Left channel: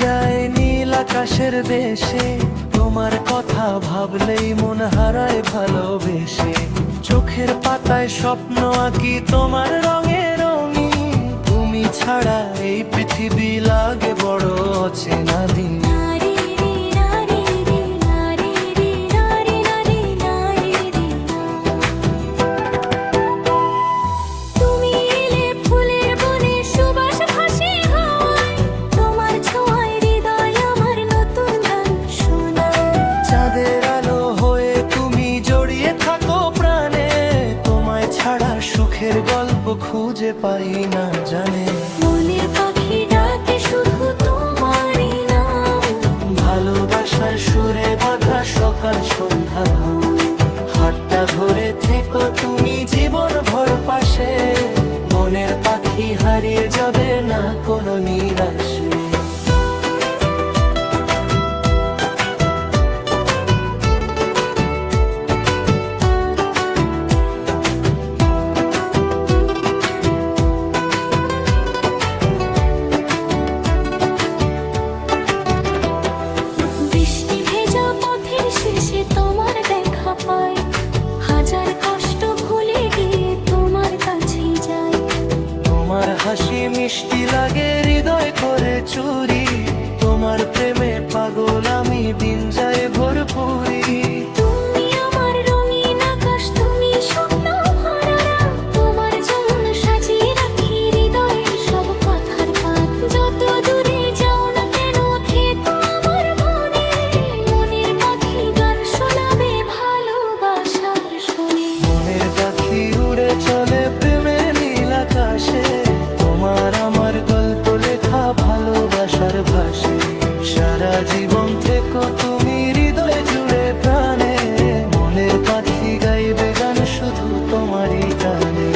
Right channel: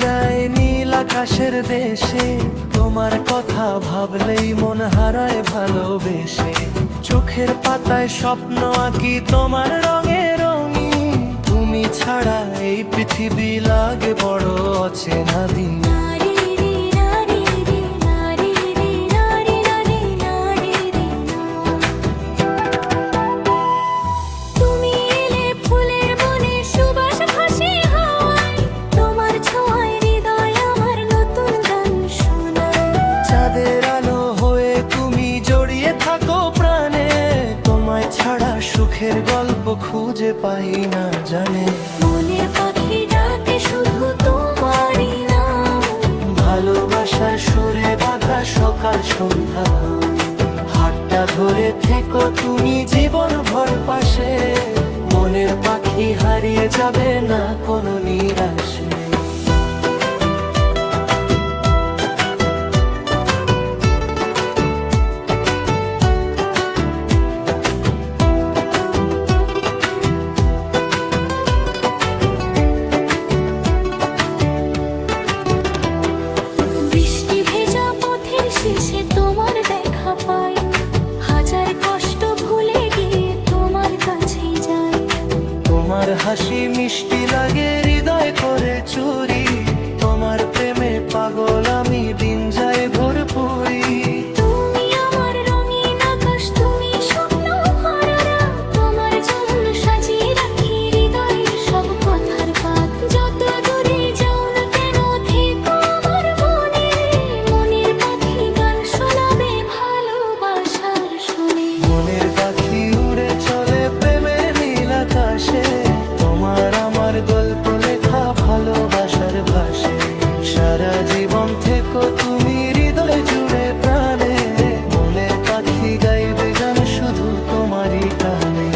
যায় নীল আকাশের দেশে, তোমার কথা ভাবলেই মন হারায় ভালোবেসে। চোখের পাতায় স্বপ্ন আঁকি তোমার রঙে রঙিন, তুমি ছাড়া এই পৃথিবী লাগে বড় অচেনা দিন। চাঁদের আলো হয়ে তুমি জড়িয়ে থাকো প্রাণে, তোমায় ছাড়া সুখের গল্প খুঁজে পাই না জানে। মনের পাখি ডাকে শুধু তোমারই নাম, ভালোবাসার সুরে বাঁধা সকাল সন্ধ্যা, হাতটা ধরে থেকো তুমি জীবন ভর পাশে। মনের পাখি হারিয়ে যাবে না কোনো নিরাশে। শেষে তোমার দেখা পাই, হাজার কষ্ট ভুলে গিয়ে তোমার কাছেই যাই। তোমার হাসি মিষ্টি লাগে হৃদয় করে চুরি, তোমার প্রেমে পাগল আমি দিন যায় ভরপুরি। তুমি আমার রঙিন আকাশ, তুমি স্বপ্ন ভরা, তোমার জন্য সাজিয়ে রাখি হৃদয়ের সব কথার পাত। যত দূরে যাও না কেন থেকো আমার মনে, মনের পাখি গান শোনাবে ভালোবাসার শুনে। মনের পাখি উড়ে চলে প্রেমের নীল আকাশে, তোমার আমার গল্প লেখা ভালোবাসার ভাষে। সারা জীবন থেকো তুমি হৃদয় জুড়ে প্রাণে, মনের পাখি গাইবে গান শুধু তোমারই গানে।